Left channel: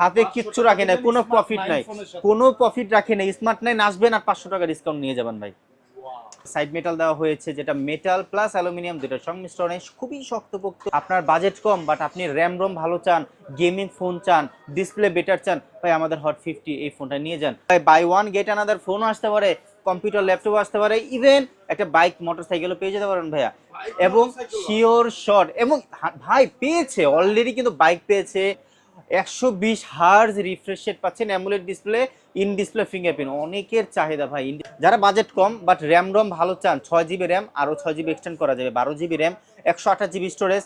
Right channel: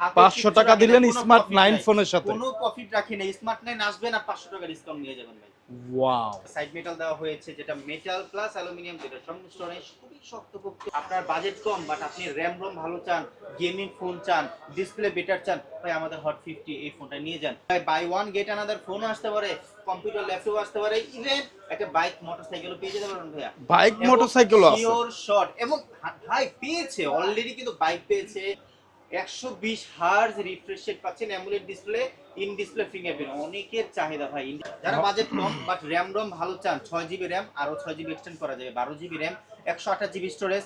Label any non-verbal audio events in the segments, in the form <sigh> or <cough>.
হাতে পাঁচশো কিচ্ছু টাকা রাখে দিলেন কোনো স্মার্ট নাইন নাই। ফোনের সাথে। কোনো প্রফিট রাখে না স্মার্ট নাইন আসবেন আর পাঁচশো টাকা ডিসকাউন্ট নিয়ে যাবেন ভাই। ওয়াও সাইড মেটাল দেওয়া হয়েছে যেটা মেটাল প্লাস অ্যালুমিনিয়াম দুটোর সংমিশ্রণে খুবই শক্তপোক্ত। আপনার বাজেট কম বাট আপনি র্যাম রোম ভালো চান গেমিং ফোন চান ডিসপ্লে বেটার চান ভাই আমাদের হট ফিফটি এই ফোনটা নিয়ে যান। ভাই বাই ওয়ান গেট আনাদার ফোনও আসতে পারে কম্পিউটার ল্যাপটপ আসতে পারে ইভেন একটা বাইক মোটরসাইকেলও পেয়ে যেতে পারেন ভাইয়া। বাইক মোটরসাইকেল শিওর শট এবং ভাই পেয়েছে অলরেডি কিন্তু বাইক পেয়েছে। একশো বিশ হার্জ রিফ্রেশ পাচ্ছেন AMOLED display in display fingerprint অনেকের চাহিদা ভাই যারা বাজেট কম বাট র্যাম রোম ভালো চান, ছয় জিবি র্যাম ছয় জিবি এক্সটেন্ড করা যাবে। বারো জিবি র্যাম একশো আঠাশ স্টোরেজ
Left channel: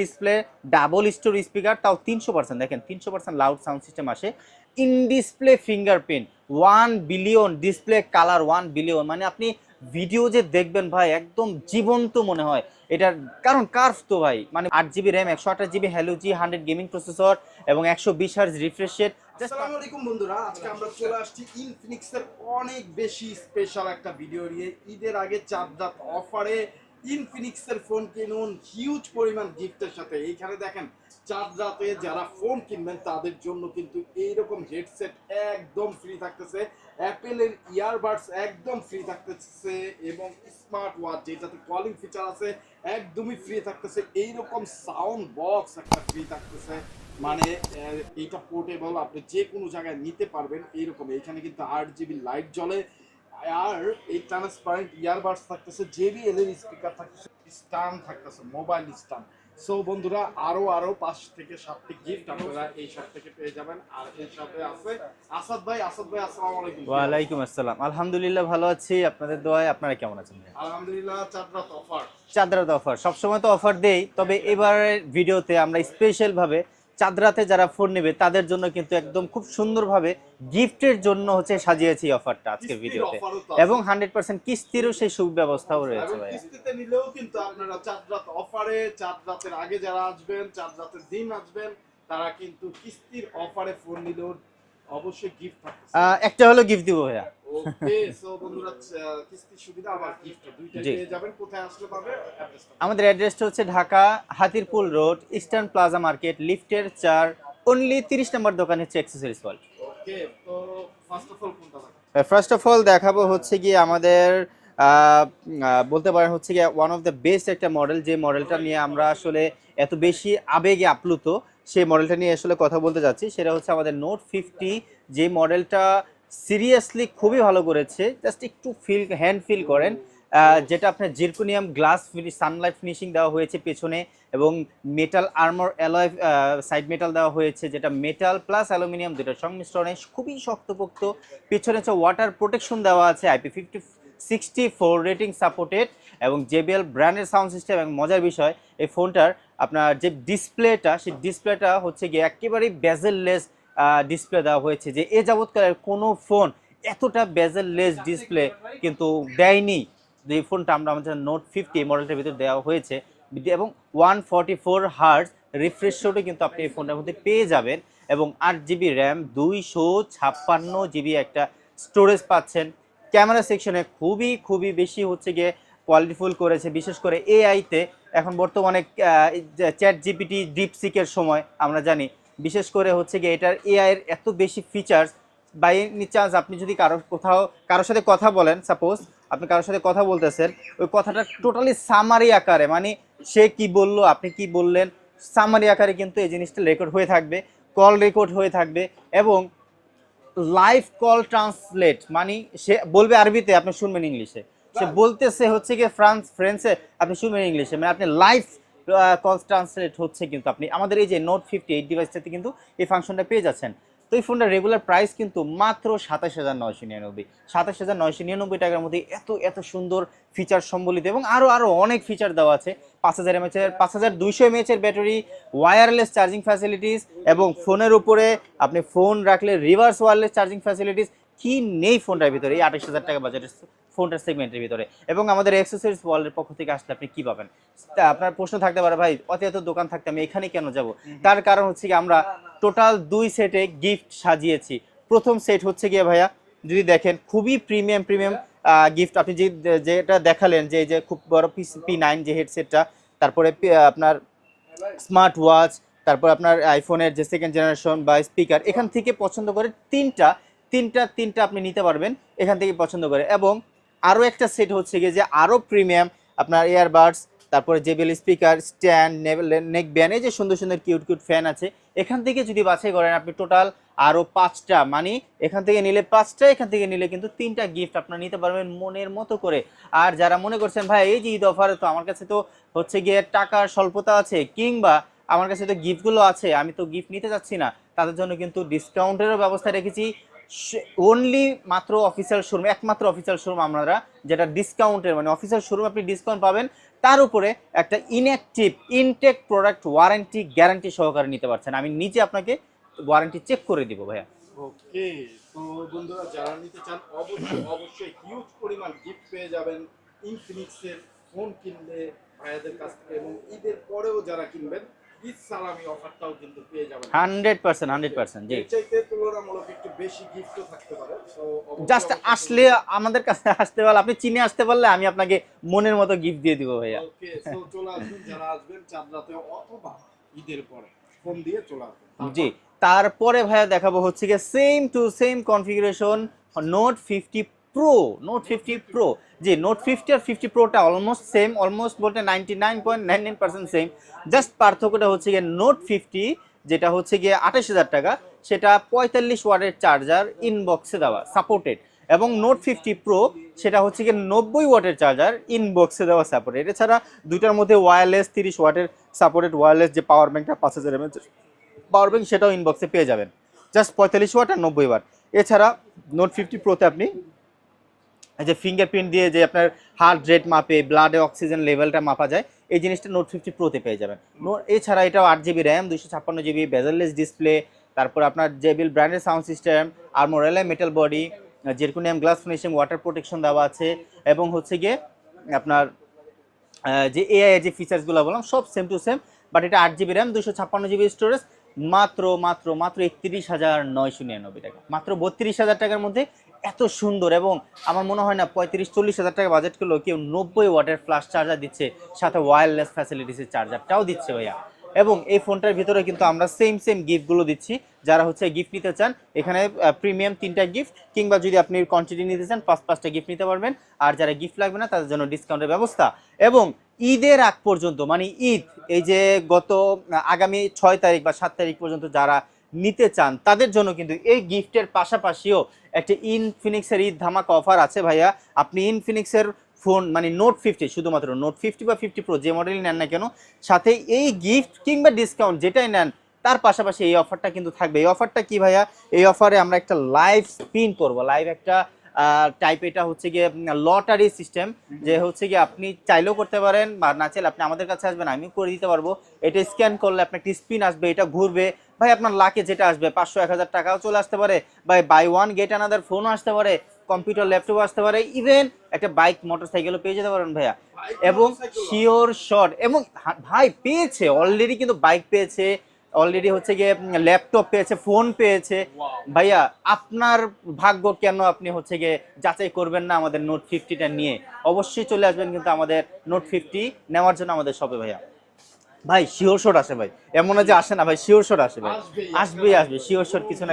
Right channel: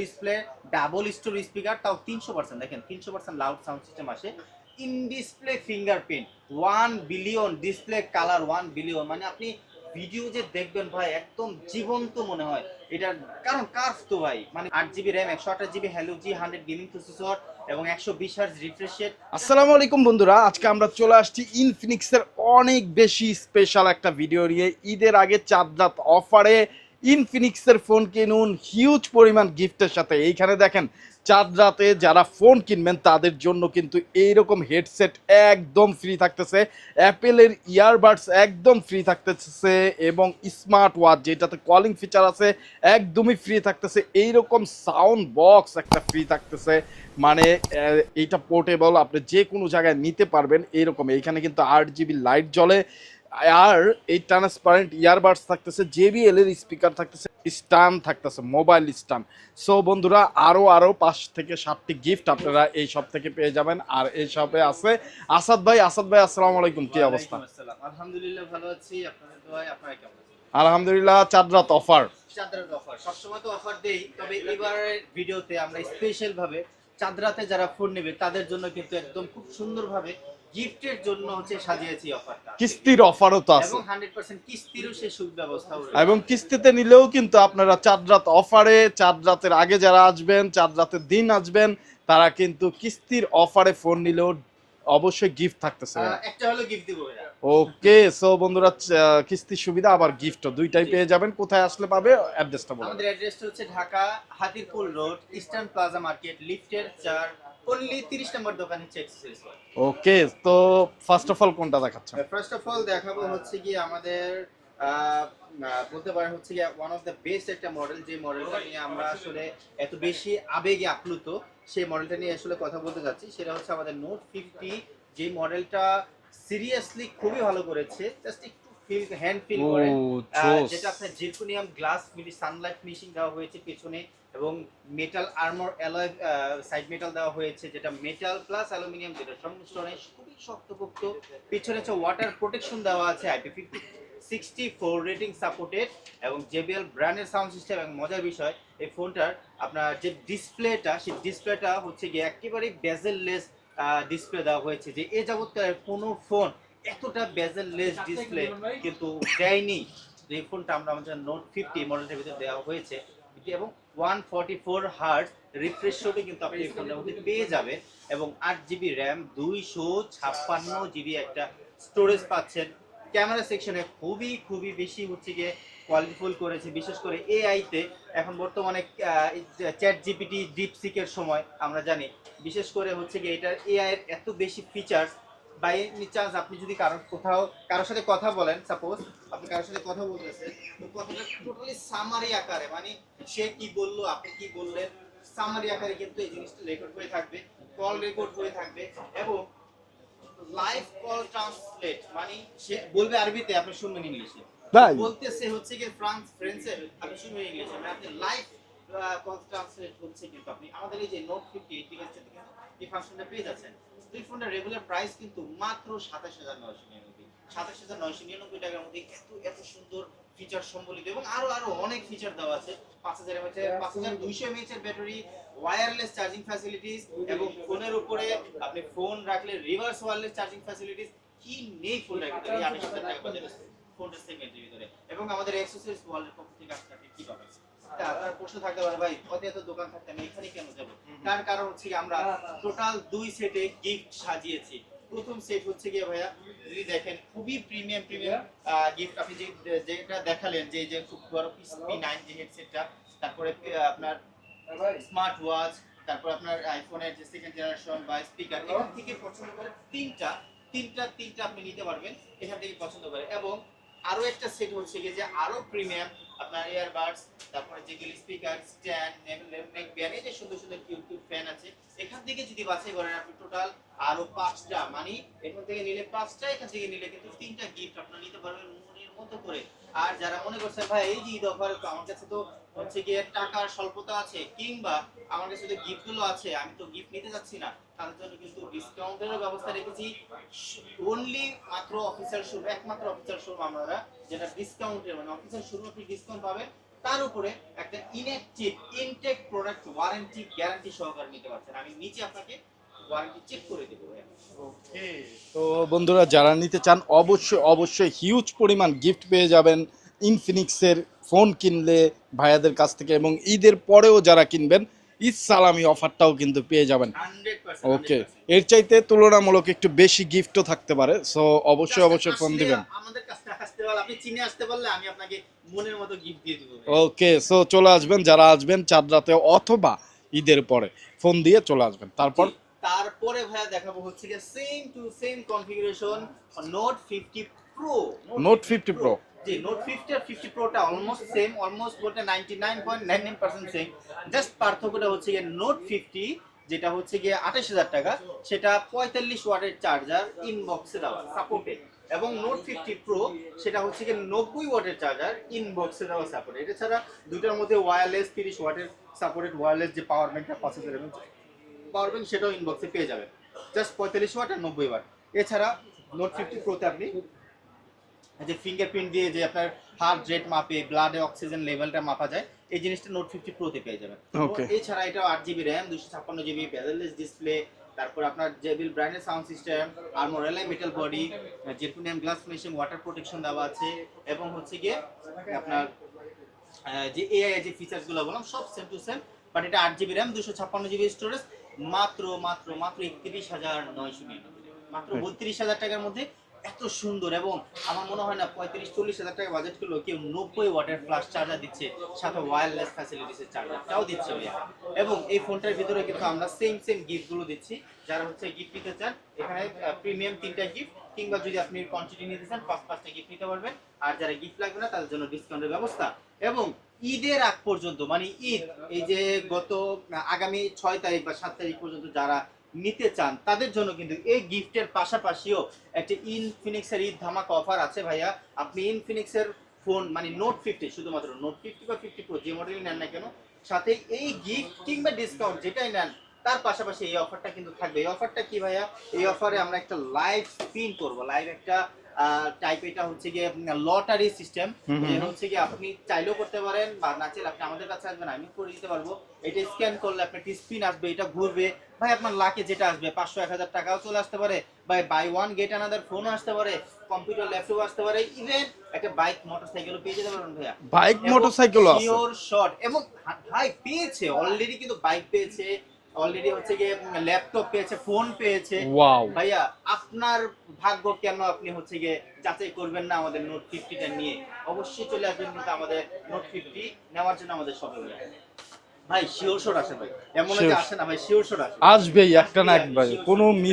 ডিসপ্লে ডাবল স্পিকার তাও তিনশো পার্সেন্ট দেখেন, তিনশো percent loud sound system in display fingerprint one billion display colour one billion মানে আপনি ভিডিও যে দেখবেন ভাই, একদম জীবন্ত মনে হয়। এটার কারণ কার্ভ তো ভাই। মানে আট জিবি র্যাম একশো আঠাশ GB Helio G hundred gaming processor এবং একশো বিশ হার্জ রিফ্রেশ রেট আসসালামু আলাইকুম বন্ধুরা, আজকে আমরা চলে আসছি ইনফিনিক্সের অনেক বেশি স্পেশাল একটা ভিডিও নিয়ে। ঈদের আগে চাঁদ রাত অফারে ইনফিনিক্সের ফোন কিনুন হিউজ পরিমাণ গিফটের সাথে। এইখানে দেখেন, চাঁদ রাতে যারা ফোন কিনবেন, তাদের জন্য কিন্তু এইরকম হেডসেট একদম ফ্রি থাকতেছে। অ্যাপেলের ইয়ারবাডস একদম ফ্রি থাকতেছে এবং স্মার্ট ওয়াচ যেটাতে কলিং ফিচার আছে, একদমই ফ্রি থাকতেছে। এইরকম সাউন্ড বক্স একটা ফ্রি থাকতেছে। মানে এইটা পোর্টেবল আপনি যে কোনো জায়গায় নিতে পারবেন, এইরকম। এইখানে কিন্তু আট জিবি লাইট জ্বলে। আর এই ট্রান্সপারেন্ট ইয়ারবাডস থাকতেছে জেবিএল এর স্পিকার থাকতেছে স্টান থাকতেছে মোবাইল স্টান সো বন্ধুরা আরও আরও পাঁচ থেকে সাতটি গিফট আপনারা এই সব থেকে পেয়ে যাবেন। আর এই শপে আছে আসাদ ভাই। আসাদ ভাই আসসালামু আলাইকুম। ওয়ালাইকুম আসসালাম। আলহামদুলিল্লাহ ভালো আছি। আপনাদের দোয়ায় আপনারা কেমন আছেন আলহামদুলিল্লাহ চাঁদ রাত অফার চাঁদরাত অফার সবসময় তো অফার দেই। তবে এবারের ভিডিওতে আমরা স্পেশাল ভাবে চাঁদরাতে যারা ফোন নেবে তাদের জন্য কিন্তু একদম খুব সুন্দরভাবে গিফটের জন্য হচ্ছে সাজিয়েছি অফারটা কিস্তির। অফারও তো এবং আছে হান্ড্রেড পার্সেন্ট কিস্তিরও সেই সুব্যবস্থাও রয়েছে এবং কিস্তিতে নিলেও কিন্তু আপনারা চাঁদ রাত অফারে চাঁদ রাতের আগে যারা আসবেন চাঁদ রাতের দিন আসবেন তারা কিন্তু কিস্তির অফারে ফোন নিলেও অবশ্যই গিফট থাকতেছে একটা হলো গিফট দিব ভাইয়া। ওকে সো বন্ধুরা কিস্তির সুবিধা আবার গিফটও দুইটাই পেয়ে যাবেন কোথায় আসলে পাবে অ্যাড্রেসটা বলুন। আমাদের অ্যাড্রেসটা হচ্ছে Dhaka Hatirpul road eastern plaza market লিফটের চার অনলি তিরিশ নম্বর দোকান হচ্ছে অ্যাক্সেসরিজ ওয়ার্ল্ড ওকে তো ফার্স্ট অফ অল কোনটা দেখাচ্ছে ফার্স্ট অফ অল দেখাবো হচ্ছে গিয়ে আমাদের বলতে পারেন হচ্ছে গিয়ে ওয়ান অফ দ্য বেস্ট একটা মডেল যে মডেলটা নিয়ে আমরা আসলে এত বেশি আবেগে আপ্লুত সেই মডেলটা নিয়ে আসলে কথা বলতে যাচ্ছি। সেটা হচ্ছে আমাদের নোট ফিফটি যে মডেলটা সিরিয়াসলি খুবই ভালো করেছে। জাস্ট একটু ফিল হ্যান্ড ফিল করেন। যেটা আপনার জিরকোনিয়াম গ্লাস সানলাইট ফিনিশিং দেওয়া হয়েছে পেছনে এবং metal armour alloy side metal দেওয়া হয়েছে যেটা মেটাল প্লাস অ্যালুমিনিয়াম দুটোর সংমিশ্রণে খুবই শক্তপোক্ত। পেছনে হচ্ছে ওয়াটার প্রোটেকশন দেওয়া আছে IP fifty sixty four rating supported এবং জেবিএল ব্র্যান্ডের সাউন্ড সিস্টেম এবং মজার বিষয় এই ফোনটার আপনার যে ডিসপ্লেটা, সেই ডিসপ্লেটা হচ্ছে গিয়ে একেবারেই বেজেললেস ডিসপ্লে দেওয়া হয়েছে যে এ যাবৎকালের কোনো ফোন এতটা বেজেললেস ডিসপ্লে কিন্তু দেয়নি। যে ফোনটা আমরা আমাদের নোট ফিফটি মডেলটার ভিতরে দেওয়া হয়েছে এবং one forty four hertz refresh কিন্তু আপনি এই ফোনটার মধ্যে পেয়ে যাবেন এবং আট জিবি র্যাম দুইশো ছাপ্পান্ন জিবি একটা স্টোরেজ পাচ্ছেন। ক্যামেরা সেকশনে খুবই খুবই বেশি হচ্ছে গিয়ে কোয়ালিটিফুল করেছে। বিশেষ করে এআইতে এখন বর্তমানে চ্যাট জিপিটি ডিপ ডিপসিকের সময় আমরা জানি বিশেষ করে হচ্ছে গিয়ে এটার এআইয়ের এত বেশি ফিচার্স বাই এনি চান্স আপনি যদি কারও কোথাও, কারোর সাথে কথা বলেন সাপোজ আপনি কারোর সাথে কথা বলতেছেন, ওই কথাটা টোটালি সামারি আকারে মানে সে কি বলল, আপনি কি বললেন সামারি আকারে কিন্তু এই জিনিসটা রেকর্ড হয়ে থাকবে কল রেকর্ড হয়ে থাকবে এবং লাইভ কল ট্রান্সলেট মানে সে বলবে আরবিতে, আপনি শুনবেন ইংলিশে? বলতেছে হচ্ছে গিয়ে ফ্রান্স ফ্রেন্সে আপনি শুনবেন ইংলিশে মানে আপনি লাইভ কল ট্রান্সলেট হচ্ছে কিন্তু আপনি। আমাদের এই যে নোট ফিফটি এইট ডিভাইসটাতে কিন্তু এই ফাংশনটা পেয়ে যাচ্ছেন। তো এই ফোনটার রেগুলার প্রাইস কিন্তু মাত্র সাতাশ হাজার নয়শো নিরানব্বই। সাতাশ হাজার নয়শো নিরানব্বই টাকার মধ্যে এত এত সুন্দর ফিচার সম্বলিত এবং আরও আরও অনেক ফিচার দেওয়া আছে। পাঁচ হাজার এমএচ এর পাঁচ হাজার দুইশো এমএচ এর ব্যাটারি ওয়্যারলেস চার্জিং ফ্যাসিলিটিস এবং ফোনের উপরে আপনি ফোন রাখলে রিভার্স ওয়্যারলেস চার্জিং ফ্যাসিলিটিস কি নেই ফোনটার ভিতরে এই আঠাশ হাজার টাকা বাজেটের ফোনটার সেগমেন্টের ভিতরে। এবং আমাদের অ্যাক্সেসরিজ ওয়ার্ল্ডের পক্ষ থেকে আসলে আপনি কি পাবেন? তা আপনার প্রশ্ন থাকতে পারে ভাই অত এত দোকান থাকতে আমি এখানে কেন যাব? তার কারণ হচ্ছে কি আমরা টোটাল দুই সেটে গিফট সাজিয়েছি। প্রথম সেট হচ্ছে গিয়ে ভাইয়া যদি দেখেন খুবই প্রিমিয়াম প্রিমিয়াম গিফট আপনি যে যেটা দেখালেন যে এই যে খুব বড় পি নাইন যে হেডসেটটা তারপরে আপনার স্মার্ট ওয়াচ তারপর আপনার আইফোনের যে সেকেন্ড জেনারেশন বা স্পিকার এখান থেকে পছন্দ করে তিনটা তিনটা তিনটা আপনি নিতে পারবেন এখান থেকে পছন্দ করে। এবং আরও একটা সেট হচ্ছে গিয়ে যে আরও প্রিমিয়াম আপনার ইয়ারবাডস তারপরে JBL speaker stand neck band এই যে সুন্দর সুন্দর কিউট কিউট ফ্যান আছে। এখান থেকে যদি বাছাই করেন আপনি টোটাল আরও পাঁচটা মানে এখান থেকে নিলে পাঁচটা, এখান থেকে নিলে কিন্তু তিনটা গিফট আপনারা নিতে পারবেন মনের মতো করে। আর যারা মনে করছেন, ভাই, এই যে ঈদ অফারে তো আমার কাছে তো হচ্ছে গিয়ে টাকার স্বল্পতা আছে, কিংবা আমার কাছে তো গিফটগুলো আছে, আমি তো গিফট নিতে চাচ্ছি না। তাদের জন্য কিন্তু ডিসকাউন্টেরও ব্যবস্থা রেখেছি। অনলি মাত্র অফিসিয়াল শোরুম একমাত্র অফিসিয়াল শোরুম আমরা যেটা ডিসকাউন্টের মানে অফিসিয়াল শোরুম আপনি ডিসকাউন্ট পাবেন, তার উপরে একটা inactive intake product warranty guarantee সহকারে নিতে পারছেন। আমি নিজে আপনাকে ওয়ারেন্টি চেক করে দিব, ভাইয়া। ওকে তো বন্ধুরা, যারা নিতে চান, অবশ্যই অবশ্যই হিউজ পরিমাণ গিফট পেয়ে যাবেন ইনফিনিক্সের ফোন কিনলে ভাইয়াদের কাছ থেকে এবং ঈদের পরেও যারা কিনবেন ঈদ সালামি অফারটাও কিন্তু পেয়ে যাবেন। হান্ড্রেড পার্সেন্ট হান্ড্রেড পার্সেন্ট এর চাইতে তুলনামূলক একটু বেশি গিফটও থাকতে পারে সো অবশ্যই অবশ্যই আসলে আমাদের কাছে আসতে পারলে আপনি চিনে আসতে পারলে আমি আপনাকে মনের মতো গিফট দিয়ে দিব ওকে সো চলে আসবেন যারা আসবেন চাঁদ রাতে অথবা ঈদের পরে ফোন দিয়ে চলে আসবেন। তারপর? তারপরে ভাইয়া দেখাবো হচ্ছে গিয়ে same to same configuration note fifty pro note fifty pro. G note fifty আর ফিফটি প্রোটা অলমোস্ট সেম অলমোস্ট বলতে ninety nine point nine nine percent same just পার্থক্যটা হচ্ছে গিয়ে নোট ফিফটি যেটা হচ্ছে গিয়ে আঠাশ হাজার টাকা, সেটা পঁয়তাল্লিশ ওয়াটের চার্জার ইনবক্সে দেওয়া সাপোর্টেড এবং নোট ফিফটি প্রো সেটা হচ্ছে গিয়ে নব্বই ওয়াটের চার্জার ইনবক্সে দেওয়া সাপোর্টেড এছাড়া দুইটার মধ্যে ওয়্যারলেস তিরিশ ওয়াটের সাপোর্টেড ওয়্যারলেস যে পাওয়ার ব্যাঙ্কটা পাঁচ হাজার এমএচ পাওয়ার ব্যাঙ্ক সেটাও ইনবক্সে পেয়ে যাবেন। জাস্ট পঁয়তাল্লিশ ওয়াট আর নব্বই ওয়াট। এছাড়া নোট ফিফটি প্রোতে আপনি যে ফিঙ্গারপ্রিন্ট দিয়ে যে আপনার হার্ট রেট মাপে ব্লাডে অক্সিজেন লেভেলটা মাপা যায় এই জিনিসটা নোট ফিফটি প্রোতে পেয়ে যাবেন। এছাড়া এটাও আট জিবি র্যাম দুশো ছাপ্পান্ন জিবি বেজারলেস ডিসপ্লে তারপর আপনার জেবিল ব্র্যান্ডের সাউন্ড সিস্টেম আর মোরেলা metal body zirconium glass finishing water protection দেওয়া আছে এবং হচ্ছে গিয়ে আপনার যে এআই যে ফিচার্সগুলো বললাম সব সেম টু সেম বাট এটা আট জিবি র্যাম দুশো ছাপ্পান্ন জিবি স্টোরেজ মাত্র মাত্র মাত্র একত্রিশ হাজার নয়শো নিরানব্বই টাকা। মাত্র বত্রিশ হাজার টাকার মধ্যে এত সুন্দর এবং আমার মনে হয় না পঁয়ত্রিশ, চল্লিশ হাজার টাকা বাজেট করলেও কেউ নব্বই ওয়াটের ফ্লাশ চার্জার দিচ্ছে, সাথে ওয়্যারলেস ফ্যাসিলিটিসের চার্জারটাও দিচ্ছে ভাইয়া। এবং এই ফোনটার ভিতরে কিন্তু আমরা সেম সেম গিফটগুলো দিচ্ছি। যারা হচ্ছে গিফট নিতে চান, এখানে প্রিমিয়াম তিনটা গিফট কিংবা যদি আপনি কোয়ান্টিটি নিতে চান, পাঁচ, পাঁচটা গিফট নিতে পারবেন। আর যারা গিফট লাগবে না, তাদের জন্য ডিসকাউন্টের ব্যবস্থা। এবং ঈদের আগ পর্যন্ত মানে ঈদ, এই যে গত, আগামী ছয় তারিখ বা সাত তারিখ পর্যন্ত যারা নিতে চান, তাদের জন্য কিন্তু এই গিফটের পাশাপাশিও একটি ইনফিনিক্সের ঈদ ধামাকা অফার আছে ভাইয়া। আপনি ইনফিনিক্সের ফোন মানে নোট ফিফটি শুধুমাত্র নোট ফিফটি বা ফিফটি প্রো যে মডেলই নেন না কেন, সাথে এই গিফট কিংবা ডিসকাউন্ট যেটাই নেন, তার পাশাপাশি এই অফারটা কিন্তু থাকবে। এই অফারটা কি ভাইয়া? এই অফারে আমরা একটা লাইভ স্পিন করব লাইভ একটা টাইপ এটা হচ্ছে গিয়ে লটারি সিস্টেম যে হচ্ছে গিয়ে আপনি চাইলেও করতে পারেন বা না চাইলে আপনি আমাদের কাছে আসবেন আমিও করে দিতে পারব। এটা স্ক্যান করলে আপনার একটি স্পিন আসবে এটা ঘুরবে। ভাই আপনার লাকে যেটা আসবে পাঁচশো এক হাজার টাকাও চলে আসতে পারে। Buy buy one get another ফোনও আসতে পারে কম্পিউটার ল্যাপটপও আসতে পারে। ইভেন একটা বাইক মোটরসাইকেলও পেয়ে যেতে পারেন ভাইয়া। বাইক মোটরসাইকেল শিওর শট এবং ভাই পেয়েছে অলরেডি কিন্তু বাইক পেয়েছে। অলরেডি হচ্ছে গিয়ে ল্যাপটপ পেয়েছে ফোন পেয়েছে। ভাইয়া আপনার ভাগ্য কেন আপনি হচ্ছে গিয়ে যাচাই করবেন না আমাদের নোট ফিফটিটা নিয়ে? অবশ্যই চলে আসবেন কিন্তু আমাদের নোট ফিফটি নেওয়ার জন্য আমাদের শপে ভাইয়া। ভাই শিওর শট আসে ভাই। এমন যে আসে না ভাই শিওর শট আসে। আসবেই একটা না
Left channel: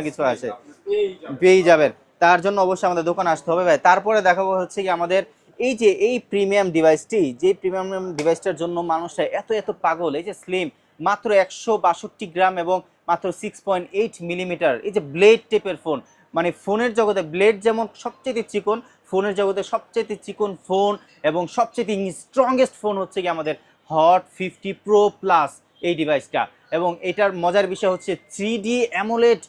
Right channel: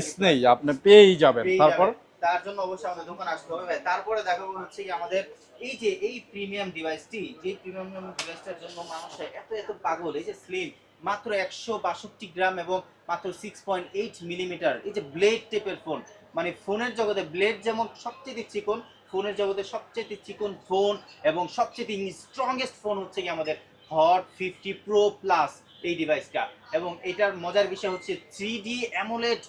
কিছু না। আপনি পেয়েই যাবেন। পেয়ে যাবেন। তার জন্য অবশ্যই আমাদের দোকানে আসতে হবে ভাই। তারপরে দেখাবো হচ্ছে কি আমাদের এই যে এই প্রিমিয়াম ডিভাইসটি যে প্রিমিয়াম ডিভাইসটার জন্য মানুষরা এত এত পাগল এই যে স্লিম মাত্র একশো বাষট্টি গ্রাম এবং মাত্র সিক্স পয়েন্ট এইট মিলিমিটার এই যে ব্লেড টেপের ফোন মানে ফোনের জগতে ব্লেড যেমন সবচেয়ে চিকন ফোনের জগতে সবচেয়ে চিকন ফোন এবং সবচেয়ে স্ট্রংগেস্ট ফোন হচ্ছে কি আমাদের হট ফিফটি প্রো প্লাস এই ডিভাইসটা এবং এটার মজার বিষয় হচ্ছে three D AMOLED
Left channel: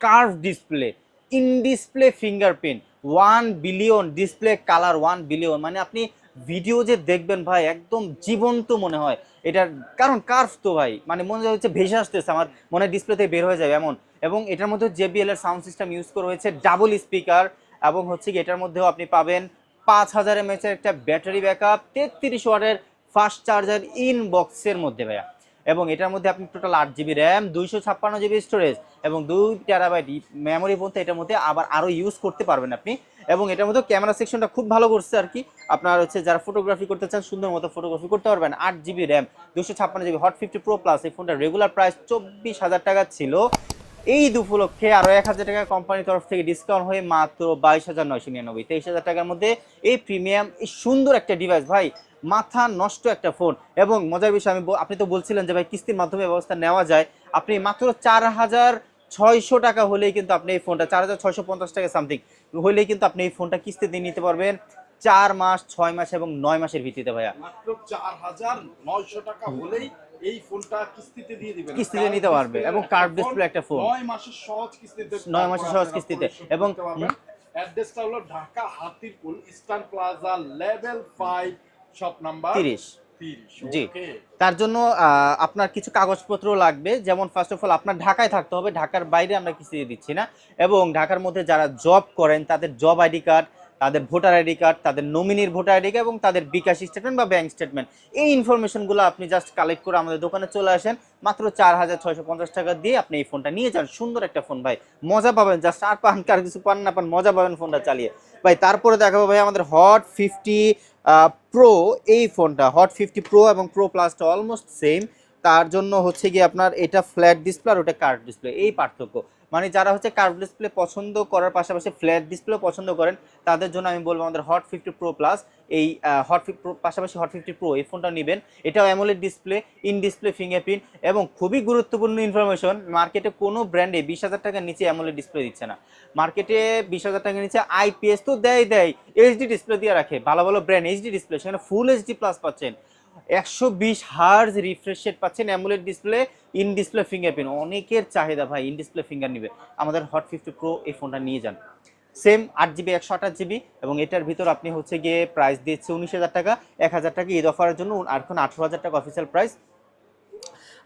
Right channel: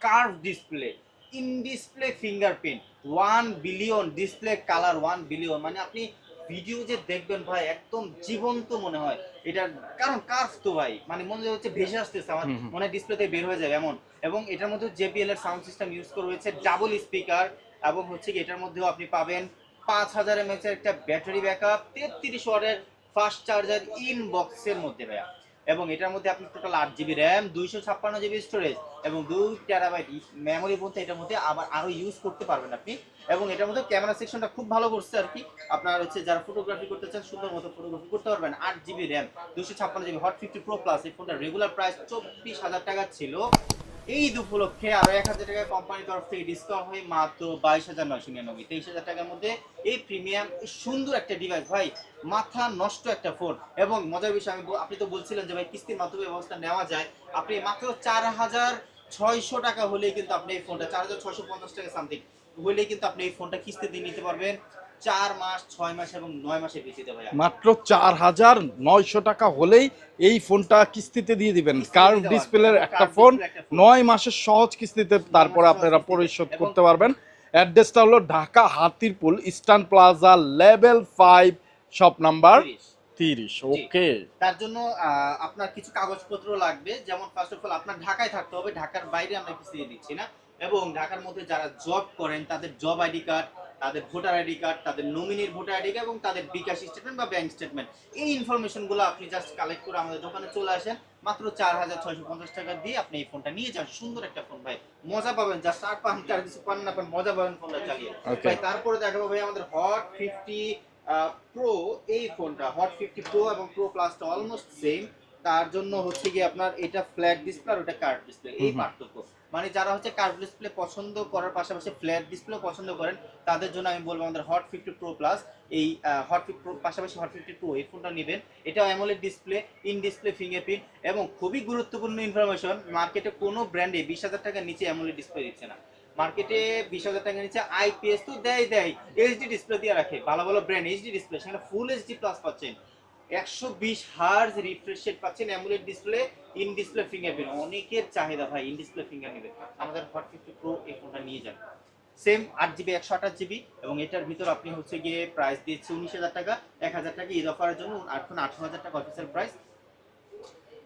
curve display in display fingerprint one billion display colour one billion মানে আপনি ভিডিও যে দেখবেন ভাই একদম জীবন্ত মনে হয়। এটার কারণ কার্ভ তো ভাই মানে মনে হচ্ছে ভেসে আসতেছে আমার। মনে হয় ডিসপ্লেতে বের হয়ে যাবে এমন। এবং এটার মধ্যে জেবিএল এর সাউন্ড সিস্টেম ইউজ করা হয়েছে ডাবল স্পিকার এবং হচ্ছে কি এটার মধ্যেও আপনি পাবেন পাঁচ হাজার এমএচ এর একটা ব্যাটারি ব্যাকআপ তেত্রিশ ওয়াটের ফাস্ট চার্জার ইন বক্সের মধ্যে ভাইয়া। এবং এটার মধ্যে আপনি টোটাল আট জিবি র্যাম দুইশো ছাপ্পান্ন জিবি স্টোরেজ এবং দুই টেরাবাইট মেমোরি বলতে এটার মধ্যে আবার আরও ইউজ করতে পারবেন আপনি। এবং এটার মধ্যে ক্যামেরা সেকশনটা খুব ভালো করছে আর কি। আপনার হচ্ছে যারা ফটোগ্রাফি করতে চান, সুন্দর মতো ফটোগ্রাফি করতে পারবেন। আট জিবি র্যাম দুশো ছাপ্পান্ন GB hot fifty pro plus এই ফোনটা রেগুলার প্রাইস চব্বিশ হাজার টাকা ছিল। এই উপলক্ষে আরও এক হাজার টাকা কোম্পানির তরফ থেকে ডিসকাউন্ট হয়ে মাত্র বাইশ হাজার নয়শো নিরানব্বই। তেইশ হাজার টাকার মধ্যে এই প্রিমিয়াম এই সুন্দর একটা ডিভাইস ভাই। মাথা নষ্ট একটা ফোন এবং মজার বিষয়, আমি আপনি তো বলছিলেন যে ভাই কিস্তির মাধ্যমে ব্যবস্থা নেওয়া যায়। আপনি মাত্র চার হাজার ছয়শো টাকা হলেই কিন্তু আপনি এই ফোনটা চার হাজার ছয়শো পঞ্চাশ টাকা সামথিং হলেই কিন্তু আপনি এই ফোনটা কিস্তি দিয়ে নিতে পারবেন। চার মাস ছয় মাস এবং নয় মাসের ভিত্তিতে ভাইয়া। মাত্র চার হাজার নয়শো টাকা হলেই এই ফোনটা কিস্তিতে দিয়ে দিবেন। কার্ড ডিসপ্লের একটা ফোন display একটা ফোন। নয় মাসের সহজ কিস্তিতে তারপর আপনারা পরিশোধ করতে পারবেন। অ্যাড্রেসটা হলো Dhaka Hatirpul eastern plaza level five shop number তিরিশ। তিরিশ। ওকে। তার জন্য আহ, আপনার কিছু কাগজপত্র লাগবে। যেমন ফার্স্ট অফ অল আপনার ঢাকায় থাকতে হবে। ঢাকার বাইরে আমরা দিয়ে দিচ্ছি না। এবং ঢাকার মধ্যে যারা জব করেন তাদের জব আইডি কার্ড তাদের ভোটার আইডি কার্ড তাদের নমিনির ভোটার আইডি কার্ড এবং তাদের বিকাশ স্টেটমেন্ট বা ব্যাংক স্টেটমেন্ট এই ইনফরমেশনগুলো আপনি জাস্ট কালেক্ট করে আমাদের দোকানে চলে আসেন। মাত্র চার হাজার ছয়শো পঞ্চাশ টাকা দিয়ে আপনি এই ফোনটা নিয়ে যান। সুন্দর একটা ফোন ভাই। মজা পাবেন। জাস্ট আর পান কার কিছু পান না পান মজা পাবেন ফোনটা চালিয়ে. ভাই তারপরে দেখাবো ভাই আমাদের হট ফিফটি প্রো এই ফোনটা হট ফিফটি প্রো এবং প্রো প্লাসটা অলমোস্ট সেম তার জন্য হচ্ছে গিয়ে আপনার এটা ফ্ল্যাট ডিসপ্লে আর ওটা কার্ড ডিসপ্লে এই। পার্থক্য। মানে যারা হচ্ছে কার্ভ ডিসপ্লে পছন্দ করার পাশাপাশি ফ্ল্যাট ডিসপ্লে পছন্দ করেন, তাদের জন্য আমি বলব আমাদের হট ফিফটি প্রো প্লাস এই হট ফিফটি প্রো পাশাপাশি হট ফিফটি প্রো এই ফোনটা নেবেন। এটাও AMOLED display in display fingerprint এবং খুবই গুরুত্বপূর্ণ ইনফরমেশন মার্কেটে কোনো ব্র্যান্ডে বিশ হাজার টাকার নিচে অ্যামোলেড ডিসপ্লে দিচ্ছে না। মার্কেটে বিশ হাজার টাকার নিচে আইপিএস তো দেয় দেয় এইচডি ডিসপ্লে দিয়ে রাখে, ভালো ভালো ব্র্যান্ড এইচডি ডিসপ্লে সেখানে ফুল এইচডি প্লাস পাচ্ছেন। একশো বিশ হার্জ রিফ্রেশ রেট পাচ্ছেন AMOLED display in display fingerprint অনেকের চাহিদা ভাই ইন ডিসপ্লে ফিঙ্গার নিবে। আমাদের হট ফিফটি প্রো এই ফোনটা নিয়ে যান। সেম আট জিবি একশো আঠাশ জিবি এবং এটার ভিতর আপনি হচ্ছে গিয়ে প্রাইস দিচ্ছে উনিশ হাজার টাকা, এক হাজার টাকা ঈদ অফারের জন্য, আর এখন আঠেরো হাজার টাকা অফিসিয়াল প্রাইস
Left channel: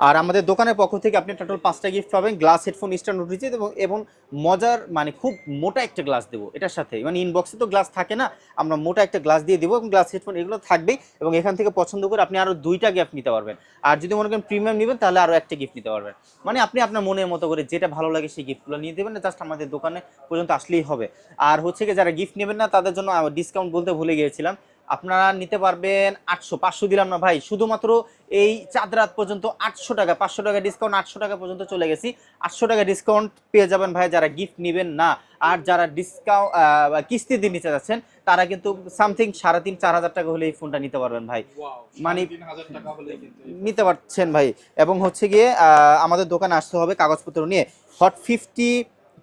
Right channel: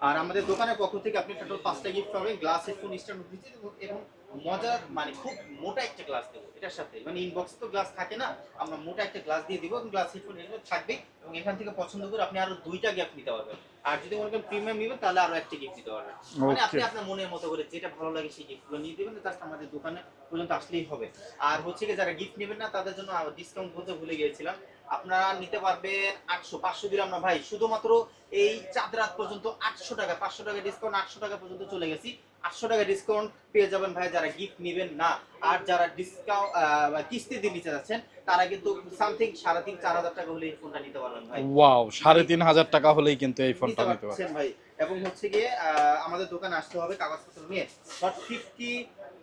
আর আমাদের দোকানের পক্ষ থেকে আপনি টোটাল পাঁচটা গিফট পাবেন গ্লাস হেডফোন স্ট্যান্ড উঠেছে এবং এবং মজার মানে খুব মোটা একটা গ্লাস দেবো এটার সাথে। মানে ইনবক্সে তো গ্লাস থাকে না আমরা মোটা একটা গ্লাস দিয়ে দেবো এবং গ্লাস হেডফোন এগুলো থাকবে এবং এখান থেকে পছন্দ করে আপনি আরও দুইটা গিফট নিতে পারবেন। আর যদি মনে করেন প্রিমিয়াম নেবেন তাহলে আরও একটা গিফট নিতে পারবেন। মানে আপনি আপনার মনের মতো করে যেটা ভালো লাগে সেই গিফটগুলো নিয়ে দেবেন জাস্ট আমাদের দোকানে পর্যন্ত আসলেই হবে। আর হচ্ছে কি যারা গিফট নেবেন না তাদের জন্য ডিসকাউন্ট বলতে ভুলে গিয়েছিলাম। আপনারা নিতে পারবেন আটশো পাঁচশো দিলাম না ভাই শুধুমাত্র এই চাঁদ রাত পর্যন্ত আটশো টাকা পাঁচশো টাকা ডিসকাউন্ট আটশো টাকা পর্যন্ত চলে গেছি। আটশো টাকা ডিসকাউন্ট পেয়ে যাবেন ভাই যারা গিফট নেবেন না। আর যারা ডিসকাউন্ট কিস্তি দিয়ে নিতে যাচ্ছেন তারা কিন্তু সামথিং সাড়ে তিন চার হাজার টাকা হলে এই ফোনটা নিতে পারবেন ভাই। ওয়াও সাড়ে তিন হাজার টাকা হলেই কিন্তু এই নিতে পারছেন ভাই। এবং হচ্ছে গিয়ে আহ, আমাদের দোকানে আসতে হবে কাগজপত্র নিয়ে। হট ফিফটি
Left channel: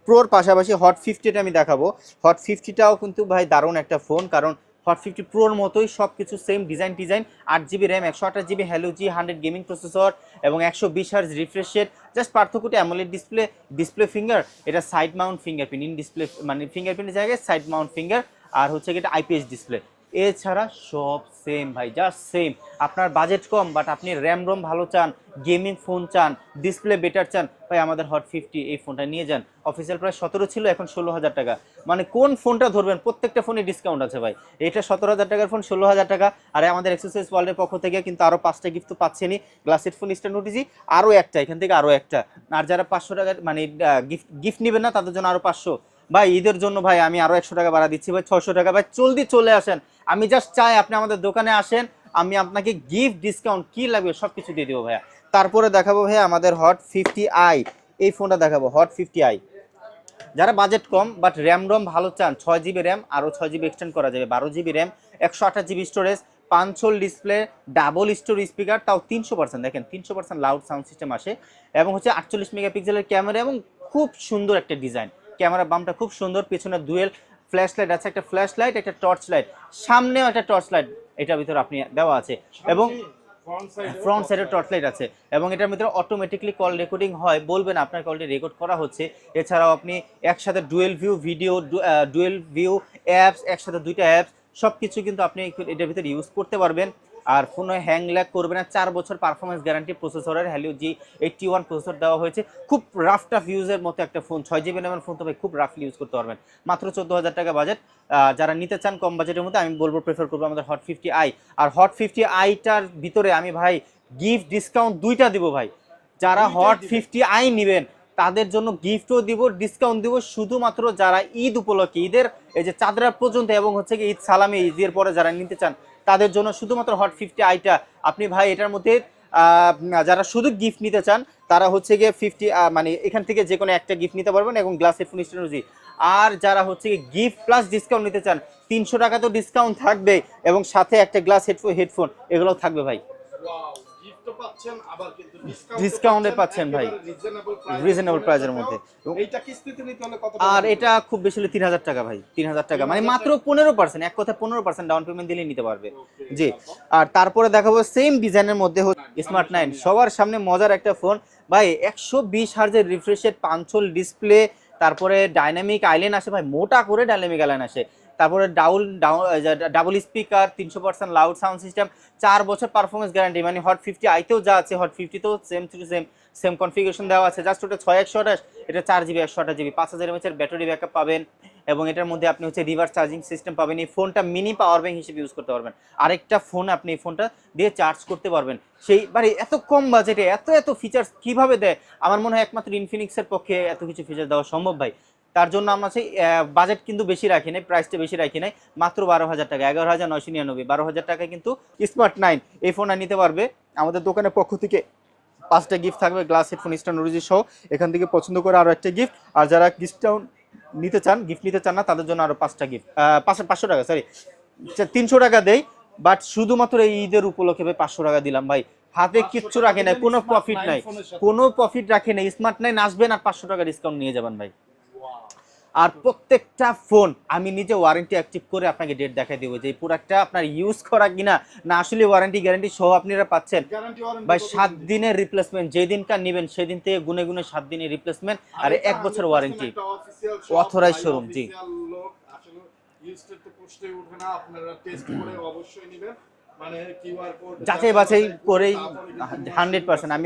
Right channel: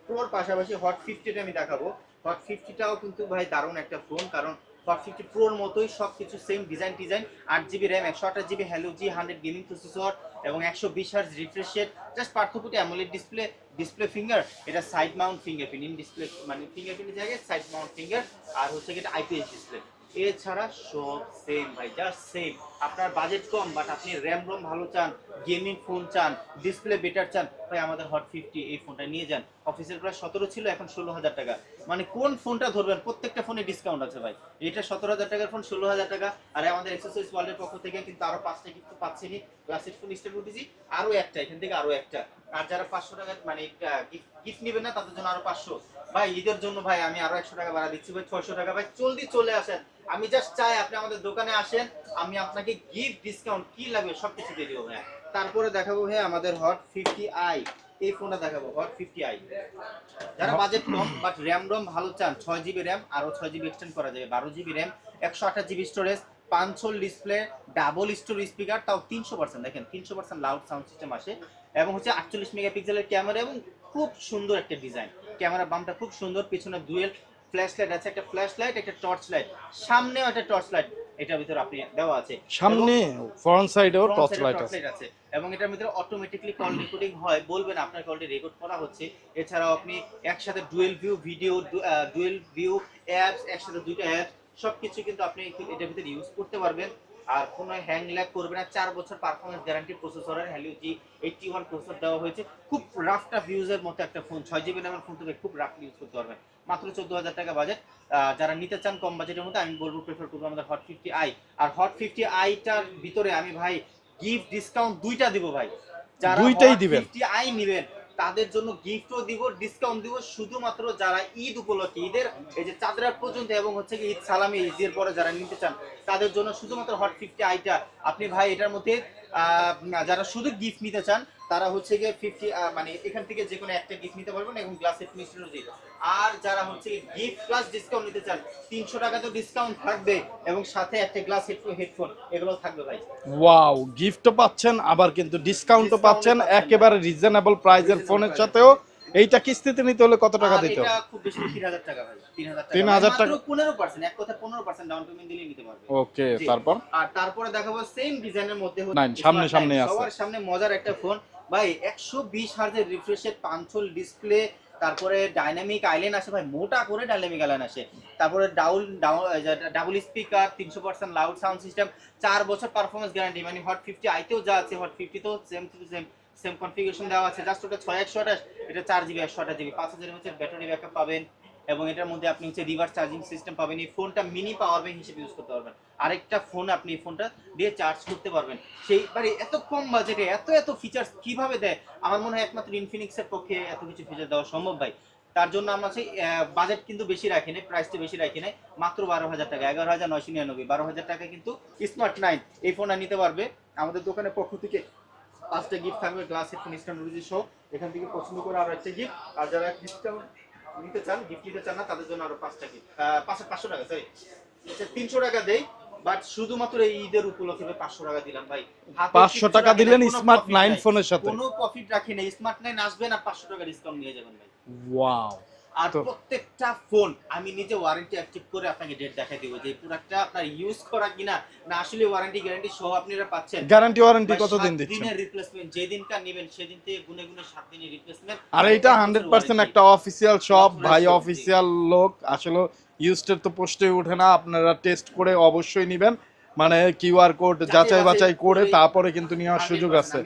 প্রোর পাশাপাশি হট ফিফটিটা আমি দেখাবো। হট ফিফটিটাও কিন্তু ভাই দারুণ একটা ফোন কারণ হট ফিফটি প্রোর মতোই সব কিছু সেম ডিজাইন ডিজাইন আট জিবি র্যাম একশো আঠাশ GB Helio G hundred gaming processor এবং একশো বিশ হার্জ রিফ্রেশ রেট জাস্ট পার্থক্যটা অ্যামোলেড ডিসপ্লে ডিসপ্লে ফিঙ্গার এটা side mount fingerprint in display মানে ফিঙ্গারপ্রিন্টের জায়গায় সাইড মাউন্ট ফিঙ্গার আর হচ্ছে এটা আইপিএস ডিসপ্লে এছাড়া সব সেম ভাই জাস্ট সেম আপনার বাজেট কম বাট আপনি র্যাম রোম ভালো চান গেমিং ফোন চান ডিসপ্লে বেটার চান, ভাই আমাদের হট ফিফটি এই ফোনটা নিয়ে যান। অফিসিয়াল প্রাইস সতেরো ছিল, এখন ষোলো হাজার টাকা। মানে কোন ফোনটা ধরবেন? প্রত্যেকটা ফোনে ডিসকাউন্ট আছে ভাই। এটা সতেরো হাজার টাকার ফোন ষোলো হাজার টাকা। আর আমাদের এক্সারসাইজ ওয়ার্ল্ডের পক্ষ থেকে কিন্তু আরও পাঁচটা গিফট তো পাচ্ছেনই। গ্লাস হেডফোন স্ট্যান্ড উঠেছি আরও একটা, এখান থেকে আরও একটা। আর যারা পাঁচশো টাকা মানে গিফট গিফট নেবেন না, তাদের জন্য আরও পাঁচশো। ভাই, ঈদের জন্য ভাই আমি আরও একশো টাকা বাড়া দিচ্ছি। ভাই ছশো টাকা। ভাই জলদি চলে আসেন। আমি জাস্ট চাই আপনি আমাদের দোকানে আসেন। আমি আপনাকে গিফট ডিসকাউন্ট কি লাগবে সব কিছু দিয়ে দেবো ভাইয়া। তারপরে দেখাবো ভাইয়া আমাদের হট ফিফটি আই এই ফোনটা দেখাবো হট ফিফটি আই যারা বাজেট কম বাট র্যাম রোম ভালো চান, ছয় জিবি র্যাম আরও ছয় জিবি এক্সটেন্ড করা যাবে, বারো জিবি র্যাম একশো আঠাশ জিবি স্টোরেজ পাঁচশোল ডিসপ্লে ডাবল স্টোর স্পিকার তাও তিনশো পার্সেন্ট দেখেন, তিনশো পার্সেন্ট লাউড সাউন্ড সিস্টেম আসে। এবং হচ্ছে আটচল্লিশ মেগাপিক্সেলের ক্যামেরা এবং খুব সুন্দর একটা ডিজাইন ক্যামেরা বামটা খুব সুন্দর পেছনে ডুয়েল ফ্ল্যাশ লাইট আছে একটা ফ্ল্যাশ লাইট একটা টর্চ লাইট সামনেও একটা টর্চ লাইট এটার ভিতরে আপনি দেওয়া আছে। এবং ফ্রন্ট সাইডেও ফ্রন্ট সাইডে টর্চ লাইট আছে। এবং এটার ভিতরে অটোমেটিকলি কল রেকর্ডিং হয় বলবেন আপনার কলটি রেকর্ড করা হচ্ছে। এছাড়াও আপনি একসাথে dual view video dual view apps একসাথে দুইটা অ্যাপস সব কিছু কিন্তু আপনি এটার ভিতরে ইউজ করতে পারবেন। আর ফোনে হ্যাং ল্যাগ করবে না। চার বছর পারফরমেন্স গ্যারান্টি প্রসেসরের Helio G eighty one processor দেওয়া হয়েছে। খুব রাফ টাফ ইউজের মতো একটা ফোন ছয় জিবি র্যামের ফোন তো ভাই খুব রাফলি ইউজ করতে পারবেন। মাত্র চোদ্দ হাজার টাকা বাজেট যারা নিতে চান কম বাজেটের মধ্যে আমি বলব প্রেফার করব আমাদের হট ফিফটি আই আর হট ফিফটি আইটার ভিতরে আমি ভাই গিফট ডিসকাউন্ট দুইটা দিব ভাই। যারা হট ফিফটি আই নেবেন তাদের জন্য গিফটও দিব ডিসকাউন্ট দিব। শুধুমাত্র যারা ঈদ উপলক্ষে, ঈদের এই যে চাঁদরা পর্যন্ত এবং হচ্ছে কি ঈদ সালামে, ঈদের পরে যারা নিতে চান, তাদের জন্য শুধুমাত্র হট ফিফটি আইটা আপনি ভাই, এটার মধ্যে যারা শুধু গিফট নিতে চান তারা হচ্ছে গিয়ে ফিফটি মানে এখান থেকে যে কোনো একটা গিফট নিতে পারবেন এবং গ্লাস হেডফোন স্টেনোজি আর যারা হচ্ছে গিফট প্লাস ডিসকাউন্ট নিতে চান তিনশো টাকা তো ডিসকাউন্ট থাকবে এবং সাথে একটা গ্লাস হেডফোন হেডফোন এগুলো থাকবে ভাই। ওয়াও গিফটও পাচ্ছেন আবার কিন্তু ডিসকাউন্টও পাচ্ছেন একেবারে রিজনেবল প্রাইসে ফোনের সাথেও। এইটা কিস্তিতে নিতে হলে কত টাকা আর এটা খুব বেশি হলে তিন হাজার টাকা ভাই তিন হাজার টাকা। মানে মাত্র টাকা। পনেরো পার্সেন্ট এক কথা পনেরো পার্সেন্ট ডাউন পেমেন্ট দিলে নিতে পারবে। ওকে তারপর? আর তারপরে দেখাবো সেম ডিজাইনের মধ্যে স্মার্ট সবার সামনে মজার একটা ফোন ভাই একশো বিশ হার্জের রিফ্রেশের পাঞ্চল ডিসপ্লে তারপরে ডাইনামিক আইল্যান্ড আসে। ভাই মোটা করে ডাইনামিক আইল্যান্ড আসে। তারপরে ডাউল ডাবল স্পিকার তিনশো পার্সেন্ট লাউড সাউন্ড সিস্টেম চার বছর পারফরমেন্স গ্যারান্টি মানে হট ফিফটি আইতেও যা আছে hot ফিফটিতেও same to same same configuration দেওয়া আছে জাস্ট ওটা ছয় একশো আঠাশ, এটা চার জিবি, একশো আঠাশ জিবি, পাঁচ হাজার এমএচের ব্যাটারি ব্যাকআপ পাবেন এবং এটার মধ্যে আপনি হচ্ছে রিভার্স চার্জিং সিস্টেম পাবেন, এই ফোনটা মিনি পাওয়ার ব্যাংক হিসেবে ইউজ করতে পারবেন। আরেকটা ফোন আপনি এই ফোনটা দিয়ে চার্জ করতে পারবেন। সেই মানে এত কম বাজেটে এত এত ফিচার্স কীভাবে দেয়? আমার মনে হয় একমাত্র ইনফিনিক্সের পক্ষে এত কিছু ফিচার দেওয়া সম্ভব ভাই। তার জন্য আমরা সেই বাজেট কিন্তু বেশি রাখি নাই প্রাইসটা বেশি রাখি নাই, মাত্র বারো হাজার টাকা, এগারো হাজার নয়শো নিরানব্বই, বারো হাজার টাকা কিন্তু স্মার্ট নাইন এই ফোনটা নিতে পারবে আমাদের দোকানের পক্ষ থেকে। পাঁচটা গিফট থাকবে গ্লাস হেডফোন স্ট্যান্ড অরিজি সহ। এখান থেকে পছন্দ করে আরও একটা গিফট আর যারা ডিসকাউন্ট নিতে চান গিফট নিতে চান না তাদের জন্য আরও পাঁচটা গিফট পাঁচশো পাঁচশো টাকা সরি তিনশো টাকা দেয় বাট শুধুমাত্র এই ঈদের উপলক্ষে ভাই পাঁচশো টাকা দিলাম ভাই। হাতে 500 কিচ্ছু নাই, কোনো স্মার্ট নাই। কোনো প্রফিট রাখে নাই স্মার্ট নাইন আসবেন আর পাঁচশো টাকা ডিসকাউন্ট নিয়ে যাবেন ভাই। ওয়াও আর প্রত্যেকটা ফোন আমি নিজে ওয়ারেন্টি অ্যাক্টিভ করে আপনাকে ডেট দেখাই দেবো যে প্রোডাক্টটা আপনার ইউজ করা কিনা। না আসলে ওয়ারেন্টি গ্যারান্টি সহ আপনারা পাচ্ছেন। গ্যারান্টি ওয়ারেন্টি কত দিন দিনের রিপ্লেসমেন্ট যেই দিনকার নেবেন সেদিন থেকে গুনে গুনে সাত দিনের রিপ্লেসমেন্ট আর এটা হান্ড্রেড পার্সেন্ট একটা অফিসিয়াল শপ ভাই। অফিসিয়াল লোক। আসলে ইউজড তো পোস্টে ওঠে না আপনারা টেস্ট করে <clears throat> অবশ্যই নেবেন। মানে কিউআর কোড যাচাই বাছাই করে তারপরে কিন্তু নেওয়ার সুযোগ আছে।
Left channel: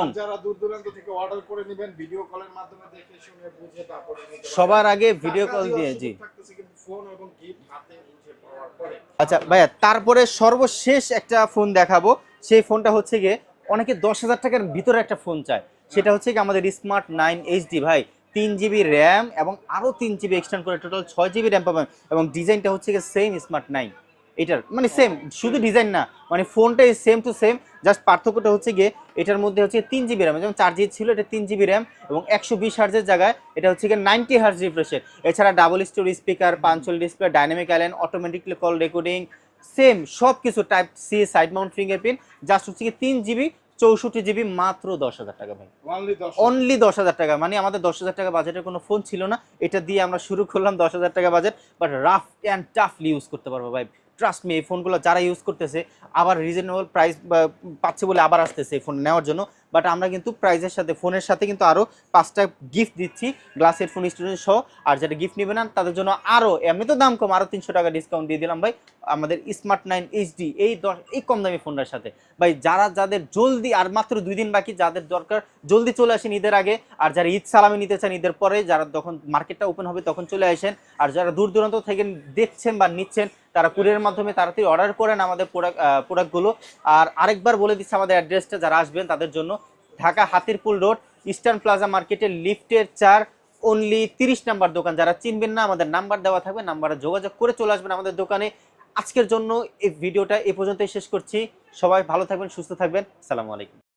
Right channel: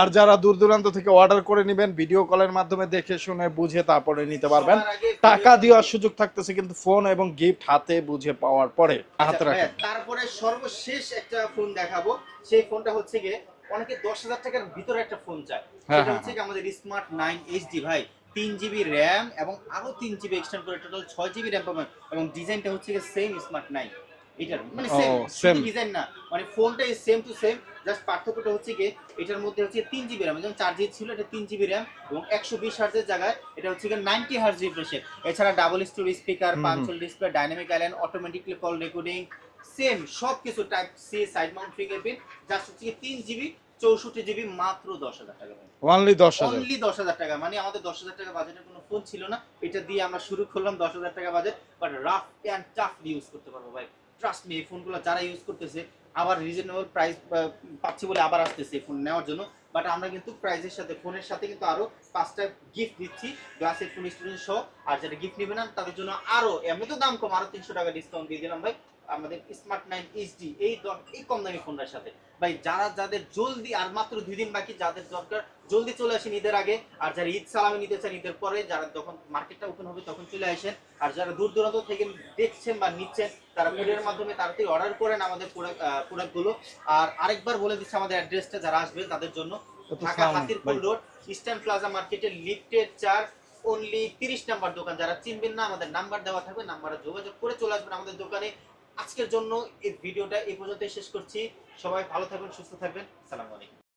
আর যারা দূর দূরান্ত থেকে অর্ডার করে নেবেন ভিডিও কলের মাধ্যমে দেখে শুনে বুঝে তারপরে নিতে পারবেন। সবার আগে টাকা দেওয়ার সুযোগ থাকতেছে কিন্তু ফোন এবং গিফট হাতে বুঝে পাওয়ার পরে। আচ্ছা ভাইয়া তারপরে সর্বশেষ একটা ফোন দেখাবো। সেই ফোনটা হচ্ছে গিয়ে অনেকে দশ হাজার টাকার ভিতরে একটা ফোন চায়। হ্যাঁ, সেটা হ্যাঁ। হচ্ছে কি আমাদের স্মার্ট নাইন এইচডি ভাই। তিন জিবি র্যাম এবং আরও তিন জিবি এক্সটেন্ড করে টোটাল ছয় জিবি র্যাম পাবেন। এবং ডিজাইনটা হচ্ছে গিয়ে সেম স্মার্ট নাইন এটার। মানে সেম শুধু ডিজাইন না মানে ফোনটাই সেম টু সেম জাস্ট পার্থক্যটা হচ্ছে গিয়ে এটার মধ্যে হচ্ছে তিন জিবি র্যাম যেমন চার জিবি ছিল এটা তিন জিবি র্যাম এবং একশো বিশ হার্জের জায়গায় এটা হচ্ছে গিয়ে নাইনটি হার্জ রিফ্রেশে এছাড়া double story speaker punch hole display dynamic island automatically call recording same সব কিছু type C side mount fingerprint just হচ্ছে কি তিন জিবি চৌষট্টি জিবি মাত্র দশ হাজার টাকা ভাই। অনলি দশ। অনলি দশ হাজার টাকা মানে আমাদের দশ হাজার টাকা বাজেটের কোনো ফোন ছিল না এটা দিয়ে আমরা শুরু করলাম দশ হাজার টাকা budget but rough and toughly use করতে পারব ভাই। ট্রাস্ট মি এই ফোনগুলো যারা ইউজ করতেছে, আবার রিজনেবল প্রাইস পাচ্ছে বলে আবার আসতেছে এই ফোন নেওয়ার জন্য। বাট আমরা কিন্তু প্রাইজের সাথে ফোনের সাথে কিন্তু আরও পাঁচটা গিফট দিচ্ছি গ্লাসের ফোন স্টুডেন্ট সহ। আর যারা গিফট নেবে না, তাদের জন্য আরও এমনি তো দাম কম আরও তিনশো টাকা ডিসকাউন্ট দিয়ে দিলাম ভাই, আমাদের স্মার্ট নাইন এইচডি এই দশ, এই কম দামি ফোনটার সাথে। ভাই যারা যাদের জলদি আর মাত্র দুই দিন বাকি যাদের দরকার জলদি চলে আসেন ঈদের আগে আর যারা ঈদ সালামি নিতে চান ঈদের পরে যারা যখন মার্কেটটা ওপেন হবে তখন চলে আসেন আর যারা দূর দূরান্ত থেকে দেখছেন বা নিচ্ছেন তারা কুরিয়ারের মাধ্যমে তাড়াতাড়ি অর্ডার করেন আমাদের প্রোডাক্ট প্রোডাক্টগুলো আর আরেকবার বলে দিচ্ছি আমাদের অ্যাড্রেসটা যারা আসবেন তাদের জন্য। Dhaka Hatirpul road Eastern Plaza মার্কেটের লিফটের চার অনলি তিরিশ নাম্বার দোকান। যারা চিনবেন না আমাদের নাম্বার দেওয়া থাকবে নাম্বারে যোগাযোগ করে চলে আসবেন আমাদের দোকানে। আজকের জন্য এই ভিডিওটা এ পর্যন্তই শেষ করছি। সবাই ভালো থাকবেন, সুস্থ থাকবেন। সালামু আলাইকুম।